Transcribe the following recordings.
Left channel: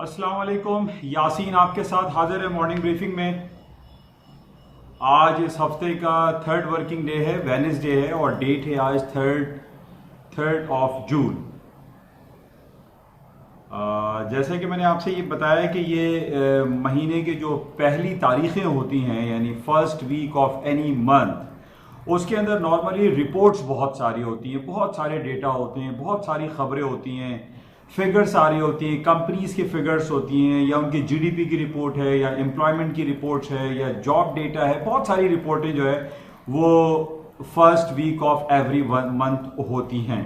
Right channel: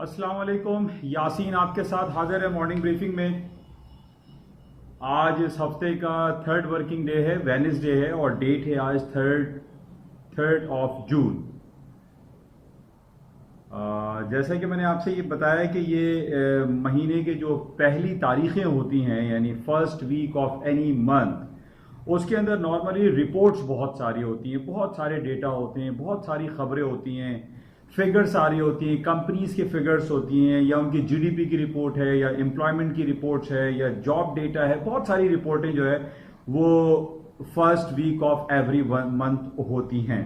अस्सलाम वालेकुम। यासीन आपके साथ हाजिर है मॉर्निंग ब्रीफिंग में। आज इस हफ्ते का थर्ड वर्किंग डे है, वेडनेसडे है और डेट है आज थर्ड ऑफ जून। जैसे कि मैंने आपसे ये बताया कि ये महीने के जो पहली तारीखें होती हैं यानी first week of any month, उसके अंदर नॉर्मली रिपोर्ट्स बहुत सारी होती हैं, बहुत सारे डेटा होते हैं, बहुत सारी खबरें होती हैं, फिगर्स आ रही होती हैं, कंपनीज की फिगर्स होती हैं या उनकी जीडीपी की रिपोर्ट है या एम्प्लॉयमेंट की रिपोर्ट्स है या जॉब डेटा है। बहुत सारी रिपोर्टें जो है वो first week of every month होती हैं।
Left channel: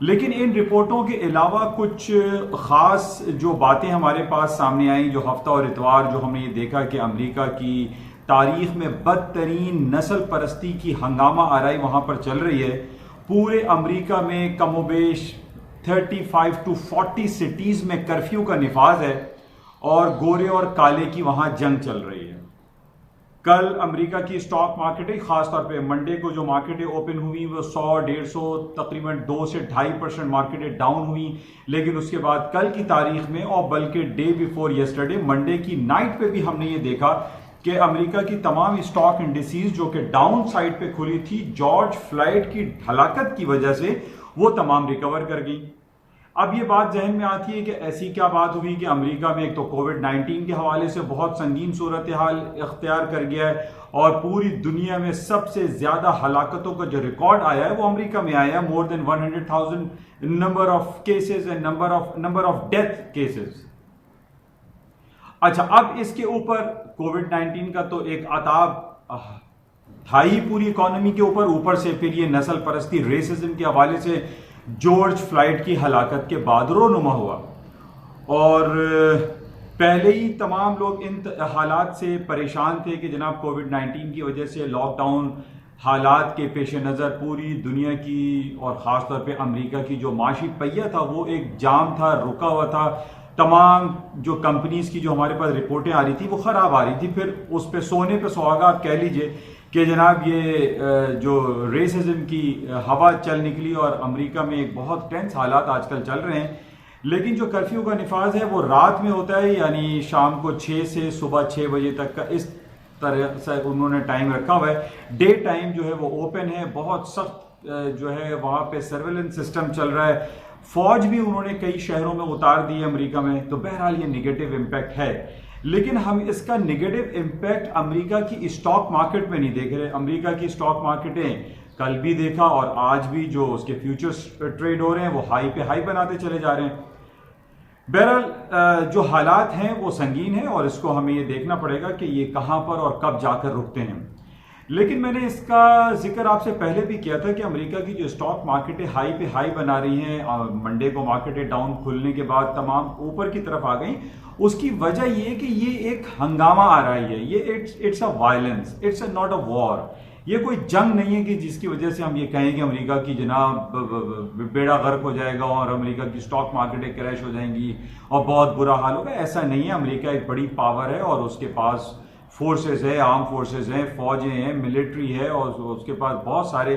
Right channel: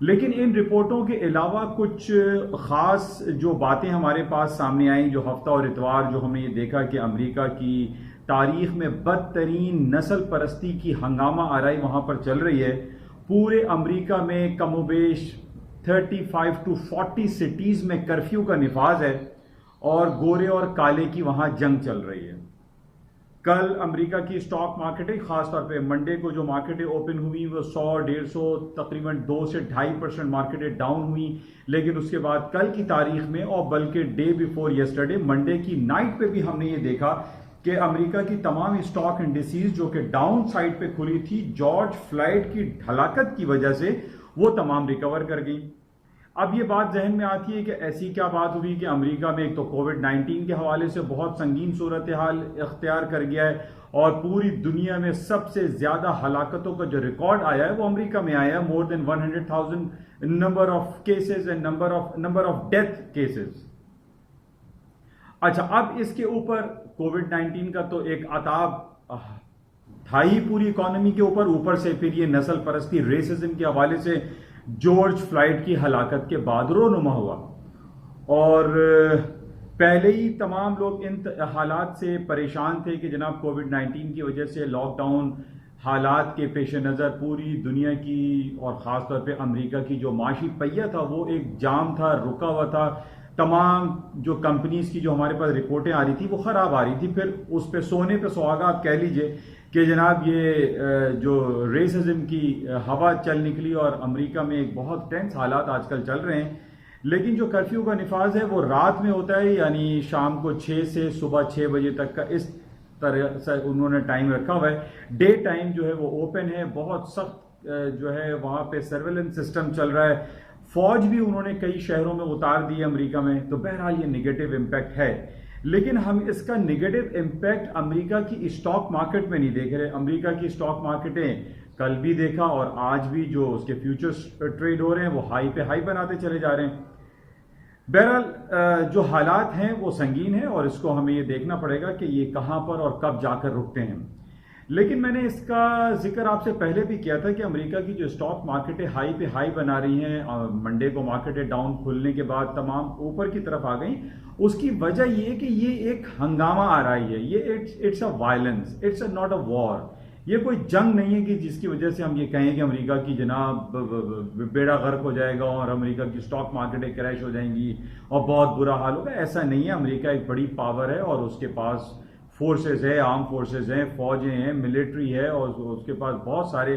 लेकिन इन रिपोर्टों के अलावा कुछ ख़ास जो बातें हमारे पास सामने आई, जो हफ्ता और इतवार जो हमने ये देखा कि अमेरिका की तारीख में बदतरीन नस्ल परस्ती की हंगामा आराई वहाँ पर चल रही है। पूरे अमेरिका में कमोबेश 35 to 40 सिटीज़ में कर्फ्यू का निफाज है और गोरे और काले की वहाँ जंग चल रही है। कल अमेरिका की स्टॉक मार्केटें, खासतौर पे मंडे को जो मार्केटें ओपन हुई वो 100-150 तकरीबन 2 से 2.5% मार्केटें डाउन हुई। लेकिन उसके बाद कल की तारीख में और बल्कि डे बिफोर यस्टरडे मंडे की नाइट पे भी हमने ये देखा कि अमेरिका की तमाम स्टॉक इंडिसेस जो कि डाउन साइड पे खुली थी, जॉर्ज फ्लॉयड की हलाकत की वजह से वो तमाम रिकवर कर गई। अब ये बात जहन में आती है कि ऐसी क्या बात हुई कि अमेरिका में एक तो कोविड-19 के हवाले से बहुत संगीन सूरत हाल इख्तियार कर गया है और पूरी दुनिया में सबसे ज्यादा हलाकतों का जो रिकॉर्ड आया है वो अमेरिका में आया है। More than 100,000 number of cases and number of death cases. अच्छा, अब इसके ऊपर कोविड-19 का तो एक अताब था ही पूरी इकोनॉमी के ऊपर से फिर ये नस्ल परस्ती रेसिज्म के हवाले से जॉर्ज फ्लॉयड की हलाकत के बाद रोनुमा हुआ और पहले ही तमाम लोग इन हालात से परेशान थे कि जनाब कोविड-19 की वजह से लॉकडाउन हालात के पेश नज़र पूरी दुनिया की और ख़ास तौर पे अमेरिका की जो माशी पहिया था वो एक जाम था, रुका हुआ था। तमाम जो कंपनीज की जो हमारे पास रिपोर्टें आ रही थी वो ख़राब आ रही थी। फिर उस पे सोने पे सुहागा आप कह लीजिए कि जनाब ये जो रेसिज्म की हवा चल निकली और अमेरिका में एक बहुत टेंस हालात आजकल चल रहे हैं। लेकिन जो कर्फ्यू का निफाज है वो रात में होता है, यानी शाम को 6 से सुबह 6 बजे तक का, इस तरह से उन्होंने टाइम रखा हुआ है। डे टाइम जो है वो ओपन है, बहुत सख्त जो है वहाँ पे सर्वेलेंस सिस्टम चल रहा है। फौज भी उन्होंने कई शहरों में उतार दी है अमेरिका में। तो बहरहाल ये निगेटिव इम्पैक्ट है, लेकिन हम इसका नेगेटिव इम्पैक्ट अमेरिका की स्टॉक मार्केट में नहीं देख रहे। अमेरिका की स्टॉक मार्केटें कल भी देखा और आज भी जो उसके फ्यूचर्स ट्रेड हो रहे हैं वो हाई पे हाई बनाते चले जा रहे हैं। बहरहाल जो हालात हैं वो संगीन है और इसको हमें ये देखना पड़ेगा कि ये कहाँ पर और कब जाकर रुकते हैं। लेकिन मैंने इसका जिक्र आपसे पहले भी किया था कि अमेरिका की जो स्टॉक मार्केटें हाई पे हाई बना रही हैं, मंडे को मार्केटें डाउन खुलने के बाद तमाम ऊपर की तरफ आ गई। उसकी वजह ये कि ये एक हंगामा आ रही है, ये it's a violence, it's a not a war. ये कोई जंग नहीं है कि जिसकी वजह से हम ये कहें कि अमेरिका की जनाब बेड़ा गर्क हो जाएगा और अमेरिका की स्टॉक मार्केटें क्रैश हो जाएंगी और बहुत बुरा हाल होगा। ऐसा नहीं है। अमेरिका एक बड़ी पावर है और उसके पास फोर्सेस है, आर्म फोर्सेस हैं, फौजें हैं, मिलिट्री है और उसके पास बहुत सारे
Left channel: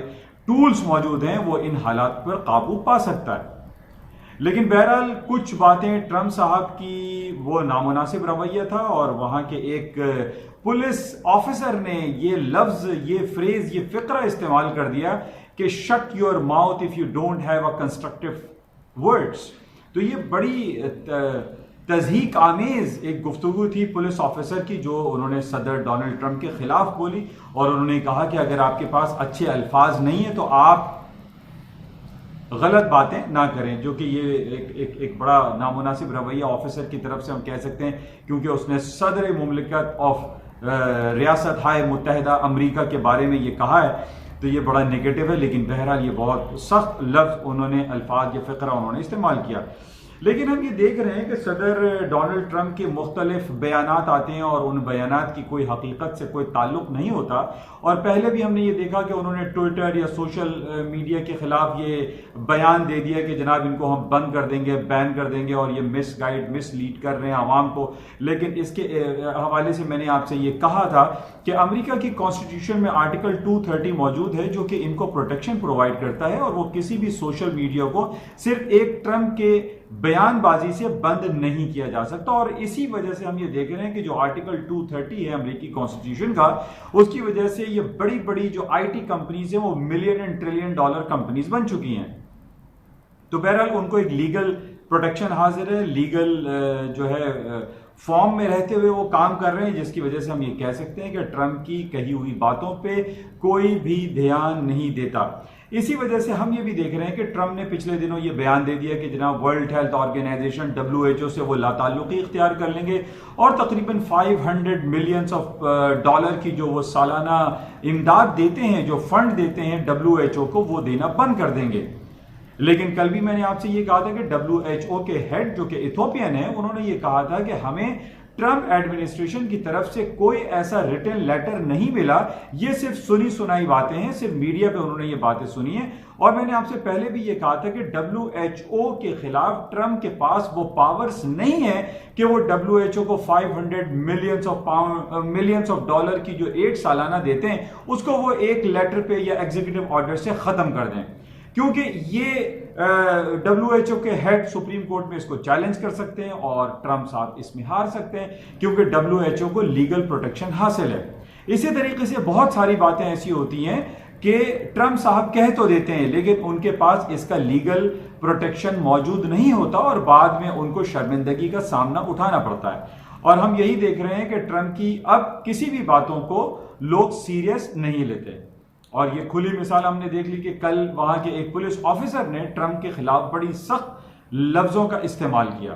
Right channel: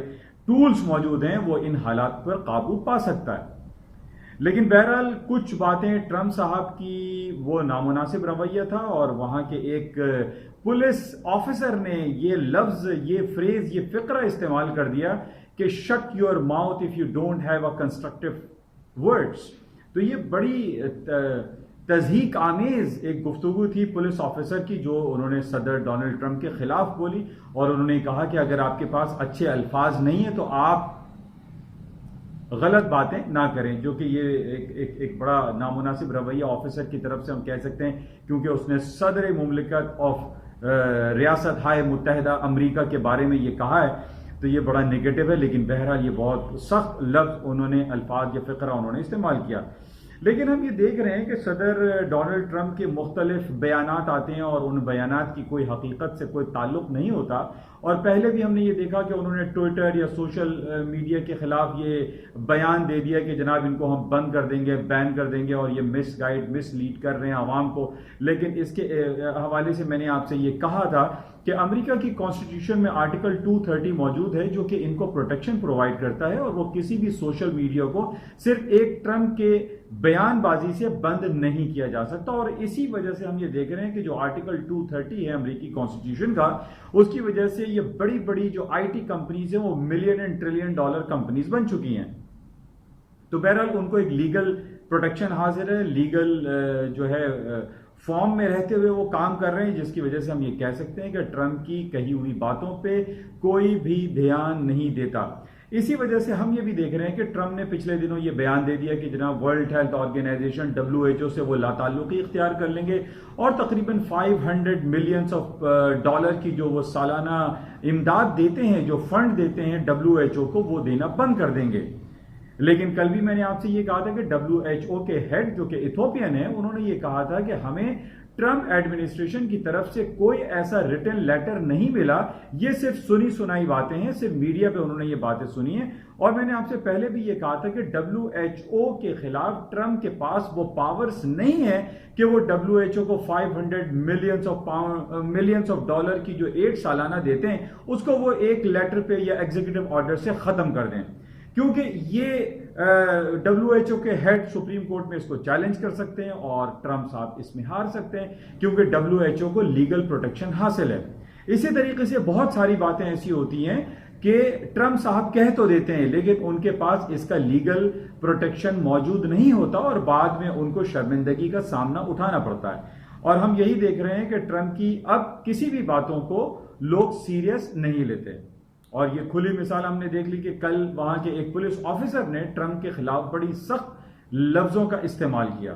टूल्स मौजूद हैं, वो इन हालात पर काबू पा सकता है। लेकिन बहरहाल कुछ बातें ट्रंप साहब की वो नामुनासिब रवैया था और वहां के एक पुलिस ऑफिसर ने ये लफ्ज, ये फ्रेज, ये फिक्रा इस्तेमाल कर दिया कि shut your mouth if you don't have a constructive words. तो ये बड़ी तज़हीक आमेज एक गुफ्तगू थी पुलिस ऑफिसर की जो उन्होंने सदर डोनाल्ड ट्रंप के खिलाफ बोली और उन्होंने कहा कि अगर आपके पास अच्छे अल्फाज नहीं है तो आप गलत बातें ना करें, जो कि ये एक बड़ा नामुनासिब रवैया ऑफिसर की तरफ से हम कह सकते हैं, क्योंकि उसने सदर मुमलिकत ऑफ रियासत हाय मुत्तहिदा अमेरिका के बारे में ये कहा है। तो ये बड़ा नेगेटिव है। लेकिन बहरहाल ये बहुत सख्त लफ्ज उन्होंने, अल्फाज या फ़िक्रा उन्होंने इस्तेमाल किया। लेकिन हम ये देख रहे हैं कि सदर डोनाल्ड ट्रंप के मुख्तलिफ बयानात आते हैं और उन बयानात की कोई हकीकत से कोई ताल्लुक नहीं होता। और पहले भी हमने ये देखा कि उन्होंने ट्विटर या सोशल मीडिया के खिलाफ ये बयान दे दिया कि जनाब इनको हम बंद कर देंगे, बैन कर देंगे और ये मिसलीड कर रहे हैं आवाम को। लेकिन इसके हवाले से मैंने आपसे ये कहा था कि अमेरिका की कॉन्स्टिट्यूशन में आर्टिकल 230 मौजूद है जो कि इनको प्रोटेक्शन प्रोवाइड करता है और वो किसी भी सोशल मीडिया को सिर्फ एक ट्रंप के بیان بازی سے بند نہیں کیا جا سکتا. اور اسی وجہ سے ہم یہ دیکھ رہے ہیں کہ جو آرٹیکل 230 ہے امریکی کانسٹیٹیوشن کا, اس کی وجہ سے یہ بڑی بڑی جو آئی ٹی کمپنیز ہیں وہ million and trillion dollar companies بن چکی ہیں. تو بہرحال ان کو ایک لیگل پروٹیکشن حاصل ہے, لیگل جو ہے فارم میں رہتے ہوئے وہ کام کر رہے ہیں, جس کی وجہ سے ہم یہ کہہ سکتے ہیں کہ ٹرمپ کی کہی ہوئی باتوں پہ کوئی بھی دھیان نہیں دیتا. اسی وجہ سے ہم یہ بھی دیکھ رہے ہیں کہ ٹرمپ نے پچھلے دنوں یہ بیان دے دیا کہ جناب ورلڈ ہیلتھ آرگنائزیشن WHO سے وہ لا تعلقی اختیار کر لیں گے اور تقریباً 500 ملینز آف ڈالر کی جو وہ سالانہ امداد دیتے ہیں, جو فنڈ دیتے ہیں WHO کو, وہ دینا بند کر دیں گے. لیکن کل بھی میں نے آپ سے یہ کہا تھا کہ WHO کے ہیڈ جو کہ ایتھوپین ہیں, انہوں نے یہ کہا تھا کہ ہمیں ٹرمپ ایڈمنسٹریشن کی طرف سے کوئی ایسا ریٹن لیٹر نہیں ملا, یہ صرف سنی سنائی باتیں ہیں, صرف میڈیا پہ انہوں نے یہ باتیں سنی ہیں. اور میں نے آپ سے پہلے بھی یہ کہا تھا کہ WHO کے خلاف ٹرمپ کے پاس وہ پاورز نہیں ہے کہ وہ WHO کو 500 ملینز آف ڈالر کی جو ایڈ سالانہ دیتے ہیں اس کو وہ ایک لیٹر پہ یا ایگزیکٹو آرڈر سے ختم کر دیں, کیونکہ یہ WHO کے ہیڈ سپریم کورٹ میں اس کو چیلنج کر سکتے ہیں اور ٹرمپ صاحب اس میں ہار سکتے ہیں, کیونکہ WHO کو لیگل پروٹیکشن حاصل ہے. اسی طریقے سے بہت ساری باتیں ایسی ہوتی ہیں کہ ٹرمپ صاحب کہہ تو دیتے ہیں لیکن ان کے پاس اس کا لیگل پروٹیکشن موجود نہیں ہوتا اور بعد میں ان کو شرمندگی کا سامنا اٹھانا پڑتا ہے. اور ہم یہی دیکھ رہے ہیں کہ ٹرمپ کی اب کسی بھی باتوں کو لوگ سیریس نہیں لیتے. اور یہ کھلی مثال ہم نے دیکھ لی کہ کل وہاں کے ایک پولیس آفیسر نے ٹرمپ کے خلاف بڑی سخت لفظوں کا استعمال کیا.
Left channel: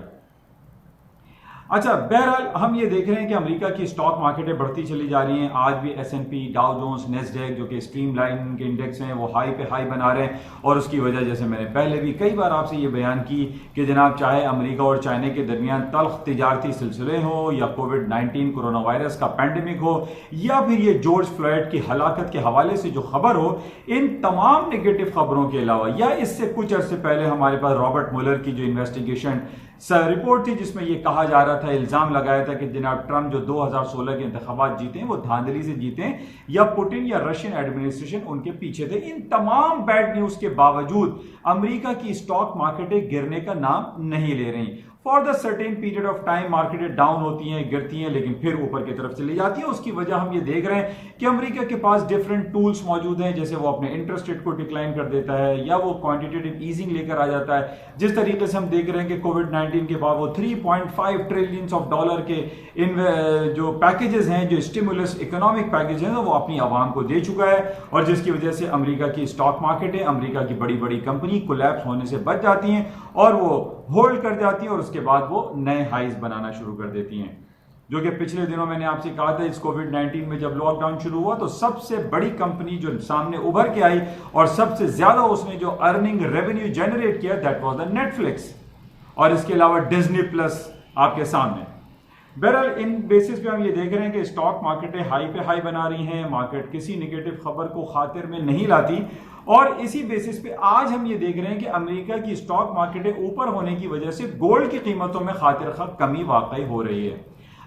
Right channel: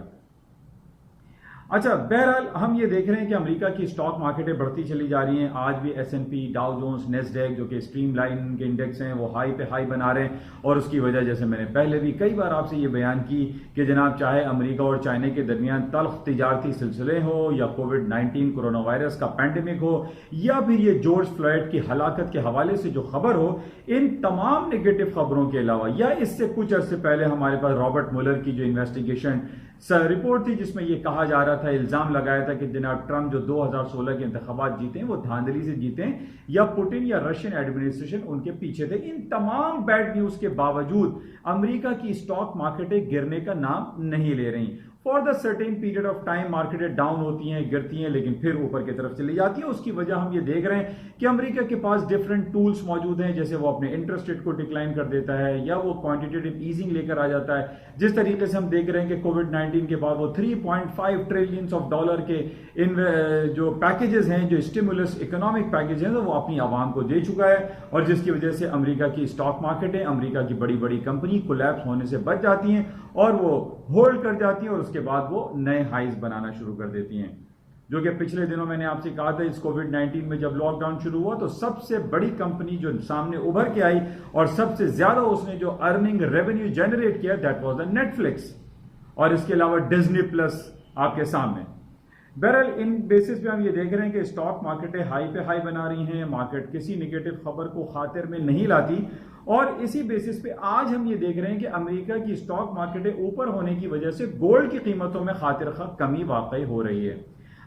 اچھا, بہرحال ہم یہ دیکھ رہے ہیں کہ امریکہ کی سٹاک مارکیٹیں بڑھتی چلی جا رہی ہیں. آج بھی S&P, ڈاؤ جونز, نیسڈیک جو کہ اسٹریم لائن کے انڈیکس ہیں وہ ہائی پہ ہائی بنا رہے ہیں. اور اس کی وجہ جیسے میں نے پہلے بھی کئی بار آپ سے یہ بیان کی کہ جناب چاہے امریکہ اور چائنا کے درمیان تلخ تجارتی سلسلے ہوں یا کووڈ-19 کورونا وائرس کا پینڈیمک ہو یا پھر یہ جارج فلوئڈ کی ہلاکت کے حوالے سے جو خبر ہو, ان تمام نگیٹو خبروں کے علاوہ یا اس سے کچھ عرصے پہلے ہمارے پاس رابرٹ مولر کی جو انویسٹیگیشن رپورٹ تھی جس میں یہ کہا جا رہا تھا, الزام لگایا تھا کہ جناب ٹرمپ جو 2016 کے انتخابات جیتے ہیں وہ دھاندلی سے جیتے ہیں یا پوٹن یا رشین ایڈمنسٹریشن ان کے پیچھے تھے. ان تمام بیڈ نیوز کے باوجود امریکہ کی سٹاک مارکیٹیں گرنے کا نام نہیں لے رہی. For the certain period of time مارکیٹیں ڈاؤن ہوتی ہیں, گرتی ہیں, لیکن پھر اوپر کی طرف چلی جاتی ہیں. اس کی وجہ ہم یہ دیکھ رہے ہیں کہ امریکہ کے پاس ڈفرینٹ ٹولز موجود ہیں, جیسے وہ اپنے انٹرسٹ ریٹ کو ڈکلائن کر دیتا ہے یا وہ کوانٹیٹیو ایزنگ لے کر آ جاتا ہے. جس طریقے سے ہم دیکھ رہے ہیں کہ کووڈ-19 کے بعد وہ 3.5 ٹریلین آف ڈالر کے جو پیکیجز ہیں, جو اسٹیمولس اکنامک پیکیج ہیں, وہ اپنی عوام کو دے چکا ہے. اور جس کی وجہ سے امریکہ کی سٹاک مارکیٹیں, امریکہ کی بڑی بڑی کمپنی کولیپس ہونے سے بچ جاتی ہیں اور وہ ہولڈ کر جاتی ہیں اور اس کے بعد وہ نئے ہائیز بنانا شروع کر دیتی ہیں. جو کہ پچھلے دنوں میں نے آپ سے کہا تھا اس کووڈ-19 میں جب لاک ڈاؤن شروع ہوا تو سب سے بڑی کمپنی جو سامنے ابھر کے آئی اور سب سے زیادہ اس نے جو ارننگ ریونیو جنریٹ کیا, دیٹ واز دا نیٹفلکس, اور اس کے علاوہ ڈزنی پلس آپ کے سامنے. بہرحال ان بیسس پہ ہم یہ دیکھ رہے ہیں کہ سٹاک مارکیٹیں ہائی پہ ہائی بنا رہی ہیں, مارکیٹ کسی نگیٹو خبر کو خاطر میں نہیں لاتی. اور اسی بیسس پہ آج ہم یہ دیکھ رہے ہیں کہ امریکہ کی سٹاک مارکیٹیں اوپر ہونے کی وجہ سے گولڈ کی قیمتوں میں خاطر خواہ کمی واقع ہو رہی ہے.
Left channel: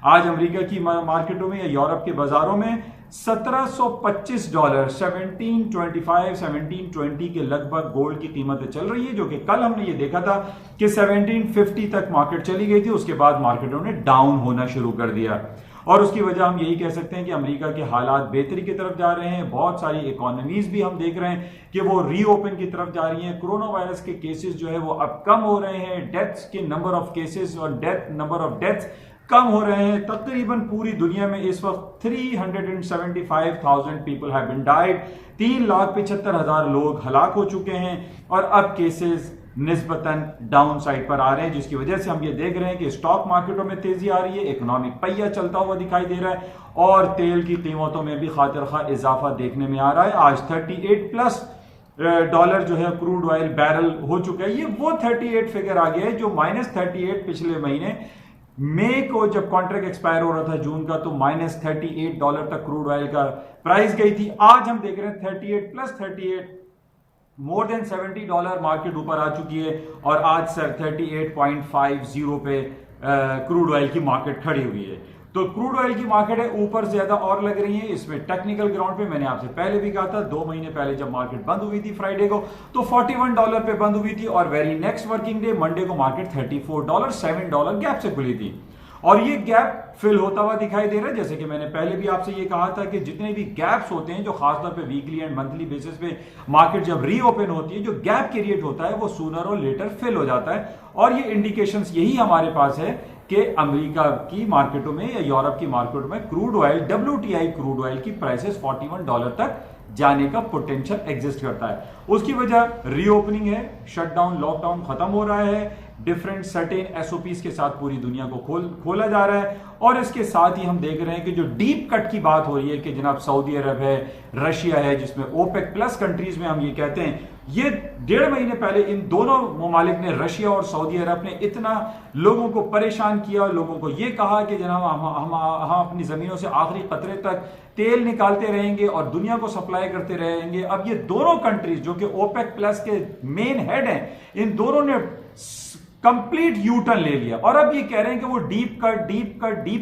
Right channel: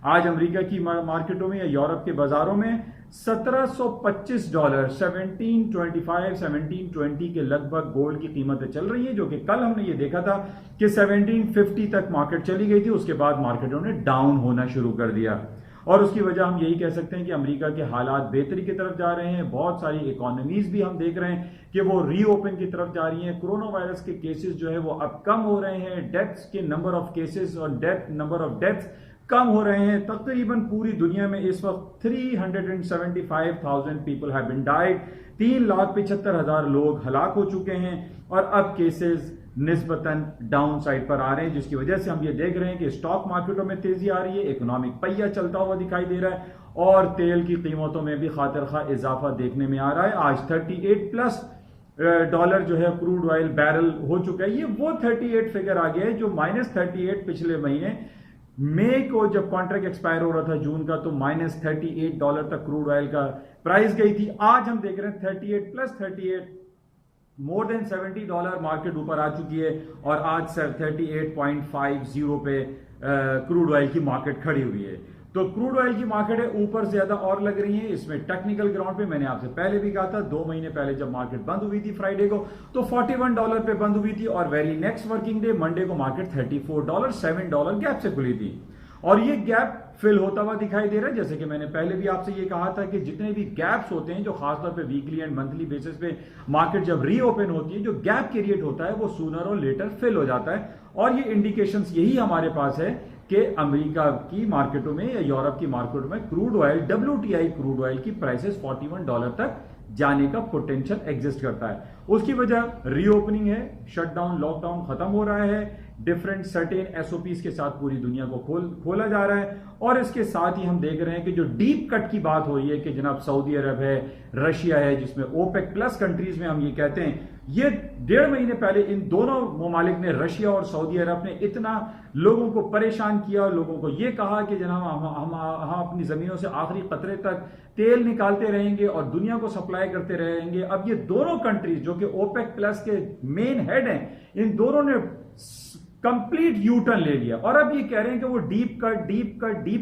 آج امریکہ کی مارکیٹوں میں یا یورپ کے بازاروں میں $1725 1725 1720 کے لگ بھگ گولڈ کی قیمتیں چل رہی ہیں, جو کہ کل ہم نے یہ دیکھا تھا کہ 1750 تک مارکیٹ چلی گئی تھی. اس کے بعد مارکیٹوں نے ڈاؤن ہونا شروع کر دیا اور اس کی وجہ ہم یہی کہہ سکتے ہیں کہ امریکہ کے حالات بہتری کی طرف جا رہے ہیں. بہت ساری اکانومیز بھی ہم دیکھ رہے ہیں کہ وہ ری اوپن کی طرف جا رہی ہیں. کورونا وائرس کے کیسز جو ہے وہ اب کم ہو رہے ہیں, ڈیتھس کے نمبر آف کیسز اور نمبر آف ڈیتھس کم ہو رہے ہیں. تقریباً پوری دنیا میں اس وقت 375,000 پیپل ہیو بین ڈائیڈ, 3,75,000 لوگ ہلاک ہو چکے ہیں اور اب کیسز نسبتاً ڈاؤن سائڈ پر آ رہے ہیں, جس کی وجہ سے ہم یہ دیکھ رہے ہیں کہ سٹاک مارکیٹوں میں تیزی آ رہی ہے, اکنامک پہیہ چلتا ہوا دکھائی دے رہا ہے اور تیل کی قیمتوں میں بھی خاطر خواہ اضافہ دیکھنے میں آ رہا ہے. آج $38+ جو ہے کروڈ آئل بیرل ہو چکا ہے. یہ وہ 38 فگر آ گیا ہے جو -38 پچھلے مہینے مئی کو جب کانٹریکٹ ایکسپائر ہو رہا تھا جون کا, تو -$38 تک کروڈ آئل کا پرائز گئی تھی. آج ہم دیکھ رہے ہیں 38+38 مور دین $70 مارکیٹ اوپر آ چکی ہے اور آج 38.50 پہ کروڈ آئل کی مارکیٹ کھڑی ہوئی ہے. तो क्रूड ऑयल की मार्केट है ऊपर ज्यादा और लग रही है। इसमें टेक्निकल ग्राउंड पे मैंने आपसे पहले भी कहा था, 2 महीने पहले जब मार्केट बंद हुई थी फ्राइडे को, तो $41 पे बंद हुई थी, और very next working day Monday को मार्केट $34 $7 गैप से खुली थी। और ये गैप फिल होता हुआ दिखाई दे रहा है। जैसे कि मैंने पहले भी आपसे ये कहा था कि जितने भी गैप्स होते हैं जो खासतौर पे वीकली एंड मंथली बेसिस पे मार्केट जब रीओपन होती है, जो गैप क्रिएट होता है वो सूनर और लेटर फिल हो जाता है। और ये इंडिकेशंस यही हमारे पास है कि अमेरिका की मार्केटों में या यूरोप की मार्केटों में crude oil, WTI crude oil की प्राइसेस $41 तक जाने का पोटेंशियल एग्जिस्ट करता है। उसकी वजह रीओपनिंग है, शटडाउन लॉकडाउन खत्म हो रहा है, डिफरेंट सर्टेन SOPs के साथ पूरी दुनिया को खोला जा रहा है। और इसके साथ ही हम देख रहे हैं कि जो डीप कट की बात हो रही है कि जनाब सऊदी अरब है, रशिया है, जिसमें OPEC प्लस कंट्रीज में हम ये कहते हैं, ये 1.5 महीने पहले इन दोनों ममालिक ने, रशिया और सऊदी अरब ने, इतना लोगों को परेशान किया, लोगों को ये कहा कि जनाब हम अपनी जमीनों से आखिरी कतरे तक तेल निकालते रहेंगे और दुनिया को सप्लाई करते रहेंगे। अब ये दोनों कंट्रीज जो कि OPEC प्लस के मेन हेड हैं, इन दोनों ने कंप्लीट यू टर्न ले लिया और अब ये कह रहे हैं कि वो डीप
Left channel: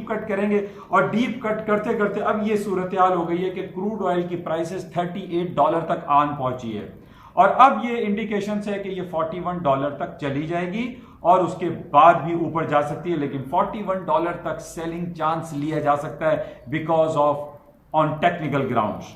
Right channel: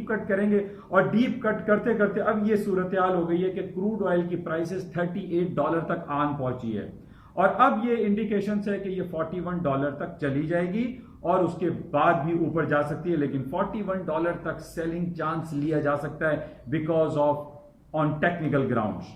कट करेंगे। और डीप कट करते करते अब ये सूरत हाल हो गई है कि क्रूड ऑयल की प्राइसेस $38 तक आन पहुंची है। और अब ये इंडिकेशन है कि ये $41 तक चली जाएगी और उसके बाद भी ऊपर जा सकती है, लेकिन $41 तक सेलिंग चांस लिया जा सकता है because of on technical grounds.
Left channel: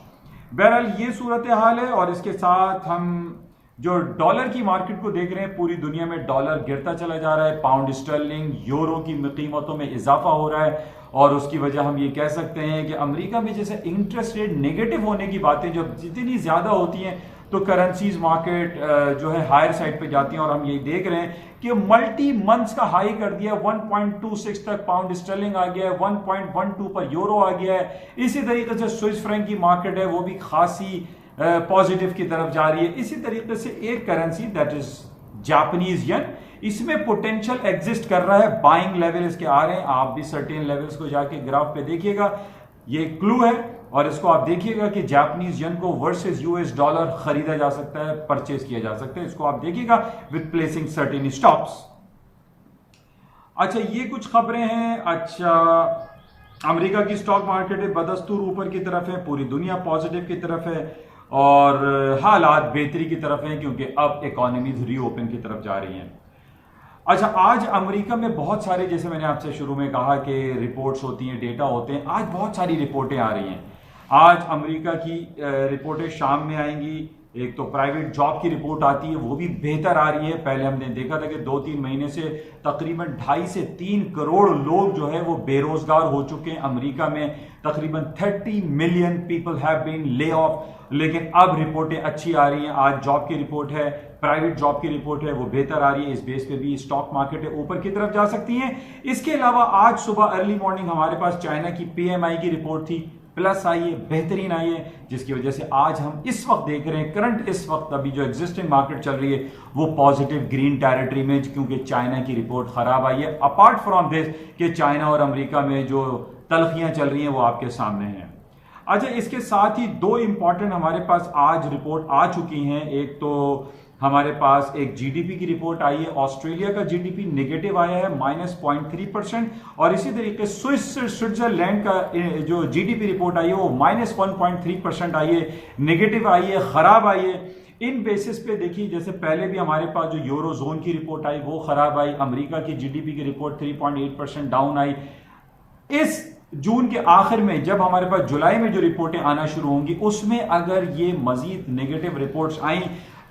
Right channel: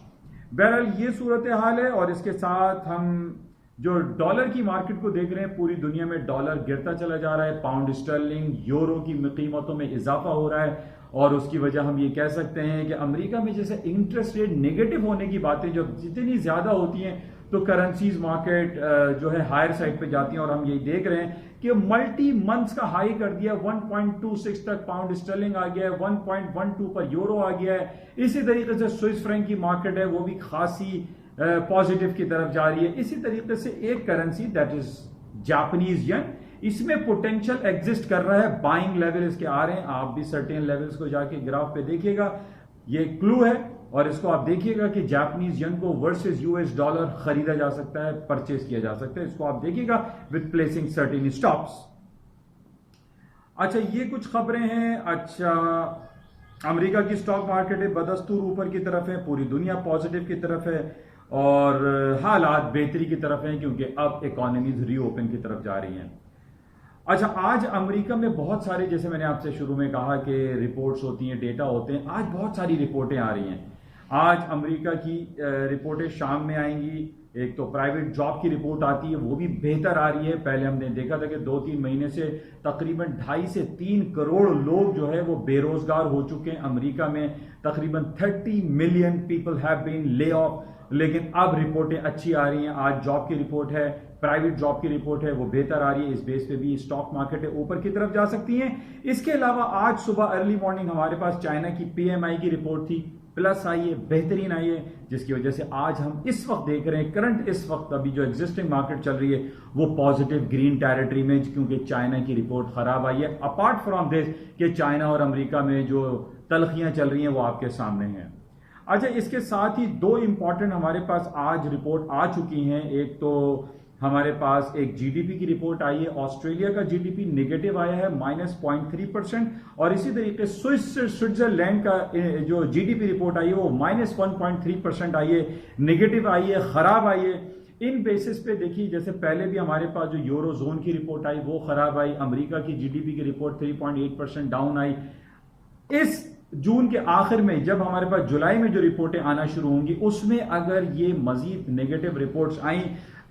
बहरहाल ये सूरत हाल है। और इसके साथ हम जो डॉलर की मार्केट को देख रहे हैं, पूरी दुनिया में डॉलर गिरता चला जा रहा है, पाउंड स्टर्लिंग, यूरो की कीमतों में इजाफा हो रहा है। और उसकी वजह हम ये कह सकते हैं कि अमेरिका में जैसे इंटरेस्ट रेट नेगेटिव होने की बातें जब जितनी ज्यादा होती हैं तो करेंसीज मार्केट जो है हायर साइड पे जाती हैं। और हम ये देख रहे हैं कि मल्टी मंथ्स का हाई कर दिया, 1.26 तक पाउंड स्टर्लिंग आ गया है, 1.12 पर यूरो आ गया है। इसी तरीके से स्विस फ्रैंक की मार्केट है वो भी खासी पॉजिटिव की तरफ जा रही है। इसी तरीके से एक currency that is Japanese yen, इसमें पोटेंशियल एग्जिस्ट कर रहा है, बाइंग लेवल इसके आ रहे हैं। आप भी सर्टेन लेवल्स को जाके ग्राफ पे देखिएगा, ये क्लू है। और इसको आप देखिएगा कि जापानीज येन को वर्सेस US डॉलर खरीदा जा सकता है, परचेज किया जा सकता है। इसको आप देखिएगा विद प्लेसिंग सर्टेन स्टॉप्स। अच्छा, ये कुछ खबरें हैं। अच्छा, अमेरिका की स्टॉक मार्केट है बदस्तूर ऊपर की तरफ है, पूरी दुनिया पॉजिटिव की तरफ है और हालात बेहतरी की तरफ हैं क्योंकि अब इकोनॉमीज रीओपन की तरफ जा रही हैं। अच्छा, आज अमेरिका में बहुत सारे, जैसे मैंने आपसे शुरू में कहा कि रिपोर्ट्स होती हैं, डेटा होते हैं, आज बहुत सारी रिपोर्टें आ रही हैं। आज अमेरिका की रिपोर्टें शाम में आएंगी। एक तो प्राइवेट जॉब की रिपोर्ट आती है, वो भी बेहतर आ रही है। पहले हमने देखा था कि 2-3 महीने से तकरीबन 2.5 से 3 करोड़ लोग जो है वो बेरोजगार हो चुके हैं अमेरिका में। तकरीबन 30 million people have been lay off, लेकिन अब रिपोर्टें अच्छी आ रही हैं। आज जॉब की रिपोर्ट है, प्राइवेट जॉब की रिपोर्ट है, वो बेहतर आ रही है। इस बेस पे भी स्टॉक मार्केट है ऊपर की तरफ जा सकती है। इसके अलावा आज सुबह अर्ली मॉर्निंग हमारे पास चाइना की PMI की रिपोर्ट थी, प्लस आई है, बेहतरीन आई है, जिसकी वजह से आज हम इस वक्त देख रहे हैं, करंट इस वक्त अभी जो एग्जिस्टिंग मार्केट चल रही है वो पॉजिटिव ग्रीन टेरिटरी में, क्योंकि चाइना की रिपोर्ट खराब आई है। अपार्ट फ्रॉम दिस कि चाइना और अमेरिका में जो तलखियां चल रही हैं वो आपके सामने हैं। अच्छा, इसके साथ ही 2 इंपॉर्टेंट हमारे पास आज रिपोर्ट आ चुकी हैं। एक तो हमारे पास एक GDP की रिपोर्ट आई है, ऑस्ट्रेलिया का GDP नेगेटिव आया है -0.3%। और इसी तरीके स्विट्जरलैंड का जो GDP रिपोर्ट आई है वो -1.3% आई है, नेगेटिव आई है, खराब आई है। इन बेसिस पे देखिए, जैसे पहले भी हमारे पास जो यूरो जोन की रिपोर्ट आई वो खराब आई, अमेरिका की GDP की रिपोर्ट 3.8% डाउन आई। इस जून के आखिर में जब हमारे पास जुलाई में जो रिपोर्टें आना शुरू होंगी उसमें अगर ये मजीद नेगेटिव रिपोर्ट्स आई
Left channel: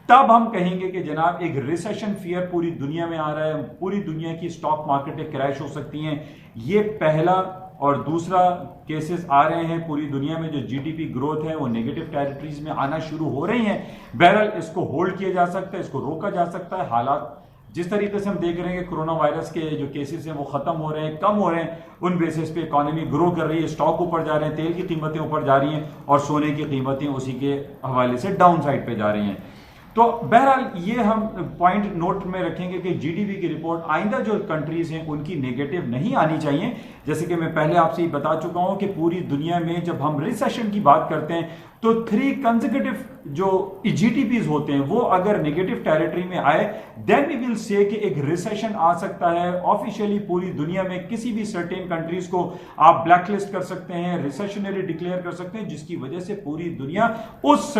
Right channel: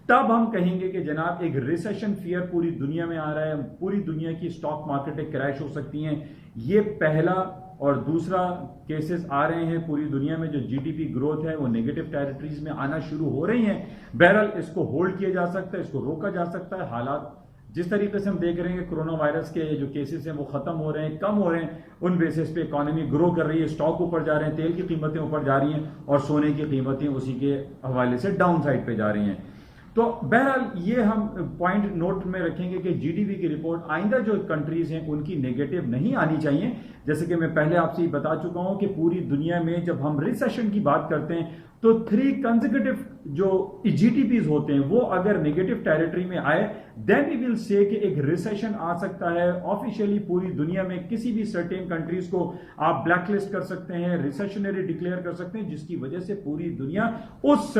तब हम कहेंगे कि जनाब एक रिसेशन फियर पूरी दुनिया में आ रहा है, पूरी दुनिया की स्टॉक मार्केटें क्रैश हो सकती हैं। ये पहला। और दूसरा केसेस आ रहे हैं, पूरी दुनिया में जो GDP ग्रोथ है वो नेगेटिव टेरिटरीज में आना शुरू हो रही हैं। बहरहाल इसको होल्ड किया जा सकता है, इसको रोका जा सकता है। हालात जिस तरीके से हम देख रहे हैं कि कोरोना वायरस के जो केसेस हैं वो खत्म हो रहे हैं, कम हो रहे हैं, उन बेसिस पे इकोनॉमी ग्रो कर रही है, स्टॉक ऊपर जा रहे हैं, तेल की कीमतें ऊपर जा रही हैं और सोने की कीमतें उसी के हवाले से डाउन साइड पे जा रही हैं। तो बहरहाल ये हम पॉइंट नोट में रखेंगे कि GDP की रिपोर्ट आइंदा जो कंट्रीज हैं उनकी नेगेटिव नहीं आनी चाहिए। जैसे कि मैं पहले आपसे ही बता चुका हूं कि पूरी दुनिया में जब हम रिसेशन की बात करते हैं تو 3 کنزیکیٹو جو GDPs ہوتے ہیں وہ اگر نیگیٹو ٹیریٹری میں آئے دین وی ول سے کہ ایک ریسیشن آ سکتا ہے. آفیشیلی پوری دنیا میں کسی بھی سرٹین کنٹریز کو آپ بلیک لسٹ کر سکتے ہیں, ریسیشنری ڈکلیئر کر سکتے ہیں, جس کی وجہ سے پوری دنیا اس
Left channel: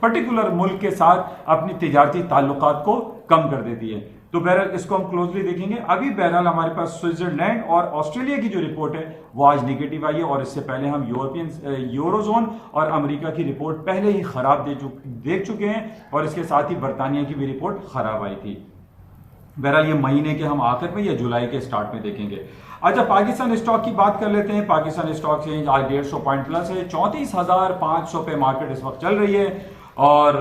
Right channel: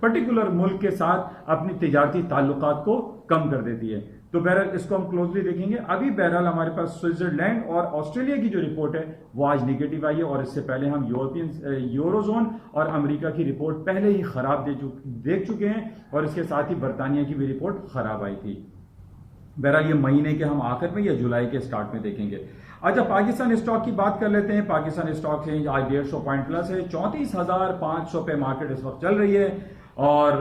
پرٹیکولر ملک کے ساتھ اپنی تجارتی تعلقات کو کم کر دیتی ہے. تو بہرحال اس کو ہم کلوزلی دیکھیں گے. ابھی بہرحال ہمارے پاس سوئٹزرلینڈ اور آسٹریلیا کی جو رپورٹ ہے وہ آج نیگیٹو آئی ہے, اور اس سے پہلے ہم یورو زون اور امریکہ کی رپورٹ پہلے ہی خراب دیکھ چکے ہیں, اور اس کے ساتھ ہی برطانیہ کی بھی رپورٹ خراب آئی تھی. بہرحال یہ مہینے کے ہم آخر میں یا جولائی کے سٹارٹ میں دیکھیں گے. اچھا, پاکستان اسٹاک کی بات کر لیتے ہیں. پاکستان اسٹاک سے آج 150 پوائنٹ پلس ہے, 34,500 پہ مارکیٹ اس وقت چل رہی ہے. اور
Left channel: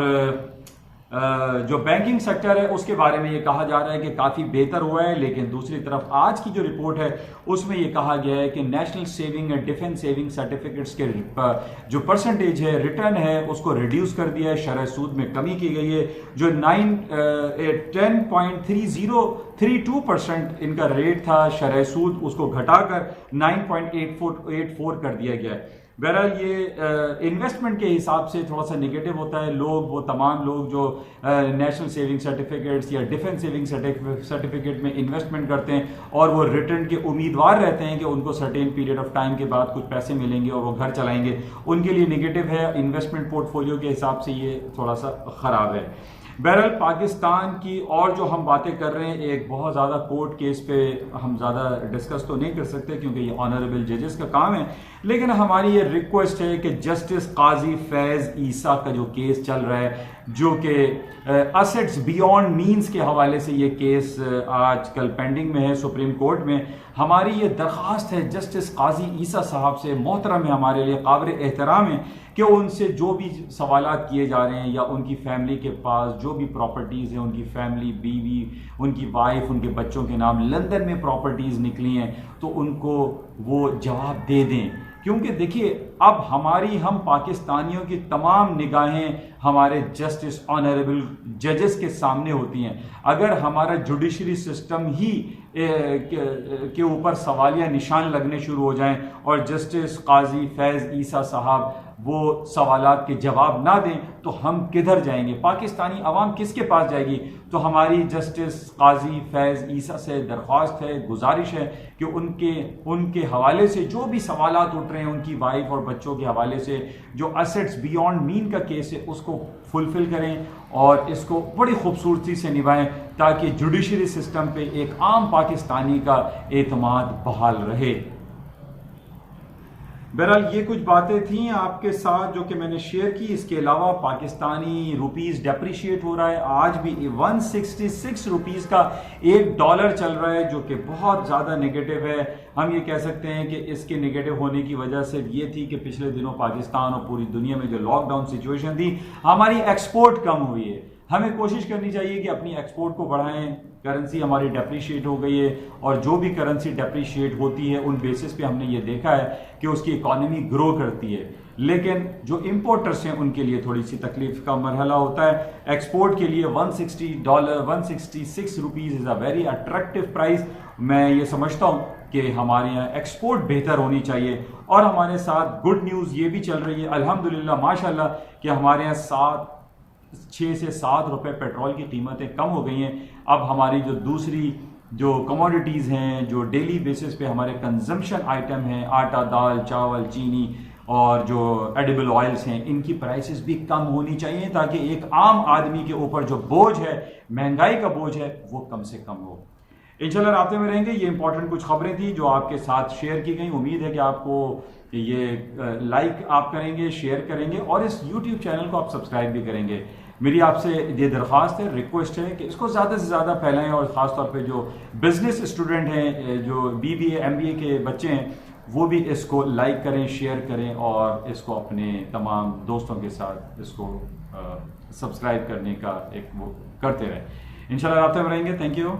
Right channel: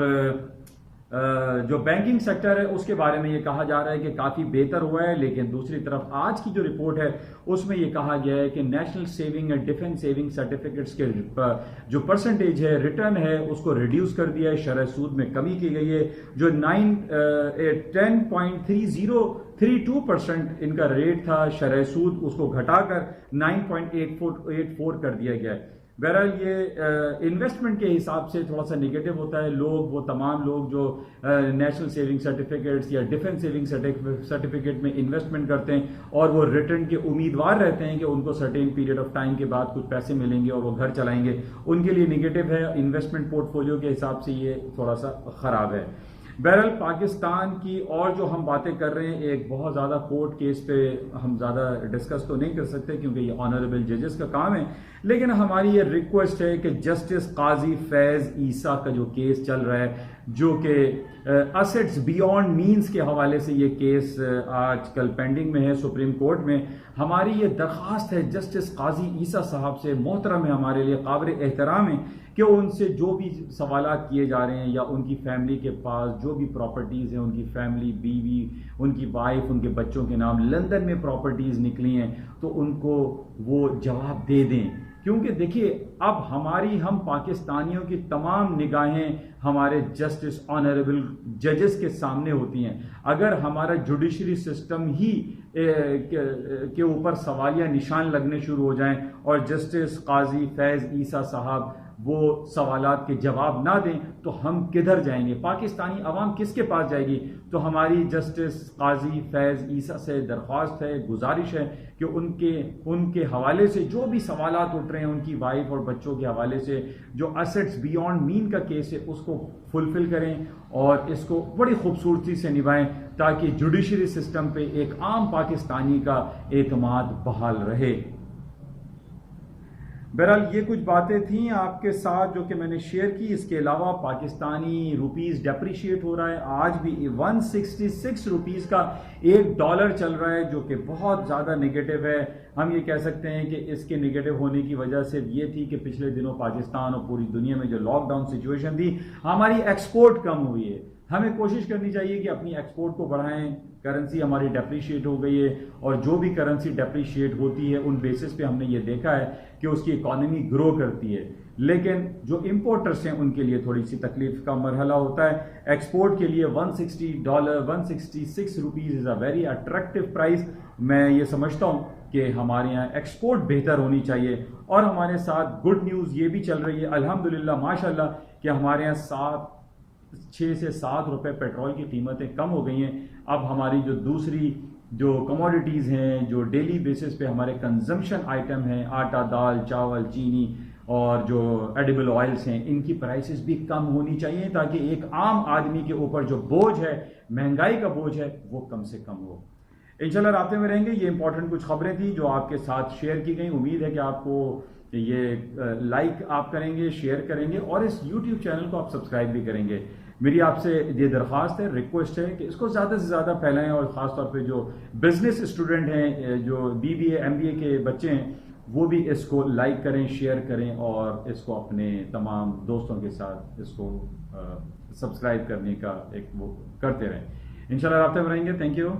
جو بینکنگ سیکٹر ہے اس کے بارے میں یہ کہا جا رہا ہے کہ کافی بہتر ہوا ہے, لیکن دوسری طرف آج کی جو رپورٹ ہے اس میں یہ کہا گیا ہے کہ national saving and defence saving certificates کے جو پرسنٹیج ہے ریٹرن ہے اس کو ریڈیوس کر دیا ہے, شرح سود میں کمی کی گئی ہے. جو 10.32% ان کا ریٹ تھا شرح سود, اس کو گھٹا کر 9.84 کر دیا گیا ہے. بہرحال یہ انویسٹمنٹ کے حساب سے تھوڑا سا نگیٹو ہوتا ہے. وہ تمام لوگ جو نیشنل سیونگ سرٹیفکیٹس یا ڈیفنس سیونگ سرٹیفکیٹ میں انویسٹمنٹ کرتے ہیں اور وہ ریٹرن کے امیدوار رہتے ہیں کہ ان کو سرٹین پیریڈ آف ٹائم کے بعد کچھ پیسے ملیں گے اور وہ گھر چلائیں گے, ان کے لیے نگیٹو ہے. انویسٹمنٹ پورٹ فولیو کے حساب سے یہ تھوڑا سا خراب ہے. بہرحال پاکستان کی اور جو ہم باتیں کر رہے ہیں, ایک بہت زیادہ کورٹ کیس پہ ہم زیادہ ڈسکس تو نہیں کر سکتے کیونکہ یہ آنریبل ججز کا کام ہے, لیکن ہماری یہ ریکویسٹ ہے کہ جسٹس قاضی فیض عیسیٰ کا جو کیس چل رہا ہے, جو کہ اسیٹس بیونڈ مینز کے حوالے سے یہ کیس آج کل پینڈنگ میں ہے سپریم کورٹ میں, ہماری یہ درخواست ہے جسٹس قاضی عیسیٰ صاحب سے, محترم ہے, ہمارے لیے قابل احترام ہے کہ ان سے جو بھی سوالات کیے جا رہے ہیں یا ان کی فیملی کے پاس جو بھی پراپرٹیز ہیں, ان کی فیملی, بیوی, ان کی وائف, ان کے بچوں کے نام لندن میں پراپرٹیز نکلی ہیں, تو ان کو وہ جواب دے دیں. کیونکہ دیکھیے اب ہم پاکستانیوں کی تمام نگاہیں ہمارے جسٹس آنریبل ججز کے سامنے ہوتی ہیں. اگر ہمارا جوڈیشری سسٹم ہی کے اوپر سوالیہ نشان لگنے شروع ہو جائیں اور جسٹس قاضی فیض عیسیٰ صاحب وہ سوالات کے جواب نہ دیں تو ہم کدھر جائیں گے؟ پاکستانی عوام کس کے پاس جائے گی؟ تو ہماری جسٹس قاضی فیض عیسیٰ سے درخواست ہے, گزارش ہے کہ ان کے حوالے سے جو بھی سوالات اٹھ رہے ہیں, ان کی وائف اور بچوں کے حوالے سے جو اسیٹس بیونڈ مین کا کیس ہے اس کو فلفل کریں اور اس کو بڑی خوبصورتی سے نبھائیں تاکہ جوڈیشری سسٹم پہ ایک عام پاکستانی کا اعتماد بحال رہے. بہرحال یہ کچھ باتیں تھیں آپ کے ساتھ جو کہ میں نے شیئر کی. اس کے علاوہ پاکستانی روپیز ڈیپریشیٹ ہو رہا ہے, آج بھی 166 روپیز کا $1 چل رہا ہے, جو کہ بہت زیادہ نگیٹو ہے. ہم یہ کہہ سکتے ہیں کہ اس کے نگیٹو ہونے کی وجہ صرف یہ تھی کہ پچھلے دنوں پاکستان اور پوری دنیا میں جو لاک ڈاؤن سچویشن تھی, ہماری ایکسپورٹ کم ہوئی ہے. ہمیں کوشش کرنی چاہیے کہ اپنی ایکسپورٹ کو بڑھائیں. کرنسی ہماری ڈیپریشیٹ ہو گئی ہے, اور جو بھی کرنسی ڈیپریشیٹ ہوتی ہے ان بیسس پہ ہم نے یہ دیکھا ہے کہ اس کی اکانومی گرو کرتی ہے, لیکن جو امپورٹرز ہیں ان کے لیے تھوڑی سی تکلیف کا مرحلہ ہوتا ہے. ایکسپورٹ کے لیے $166 rupees is a very attractive price. میں یہ سمجھتا ہوں کہ ہمارے یہاں ایکسپورٹ بہتر ہونی چاہیے, اور ہمارے ساتھ گڈ نیوز یہ بھی چل رہی ہے الحمدللہ ماشاءاللہ کہ ہمارے یہاں 6 سے 7 روپے پیٹرول کی قیمتیں کم ہو گئی ہیں. اب ہماری جو دوسری جو کموڈیٹیز ہیں, جو ڈیلی بیسس پہ ہمارے کنزمپشن آئٹم ہیں, آٹا, دال, چاول, چینی اور جو ایڈیبل آئلس ہیں, ان کی پرائسز بھی کم ہونی چاہیے تاکہ ایک عام آدمی کے اوپر جو بوجھ ہے, مہنگائی کا بوجھ ہے, وہ کم سے کم ہو. انشاءاللہ رابطے میں رہیں گے. یہ امپورٹنٹ کچھ خبریں تھیں جو آپ کے ساتھ شیئر کی گئیں. امید ہے کہ آپ کو یہ لائک آپ کریں گے, شیئر کریں گے, اور اس یوٹیوب چینل کو آپ سبسکرائب بھی کریں گے. میری آپ سے یہ درخواست ہے, ریکویسٹ ہے کہ اس کو زیادہ سے زیادہ پھیلائیں, اور خاص طور پہ جو بزنس اسٹوڈنٹ ہیں, جو BBA MBA کے بچے ہیں, وہ بھی اس کو لائک کریں, شیئر کریں, اور اس کو اپنے تمام دوستوں کے ساتھ اس کو سبسکرائب کرنے کا ایک وہ کرتے رہیں. انشاءاللہ رابطے میں رہیں گے. Thank you.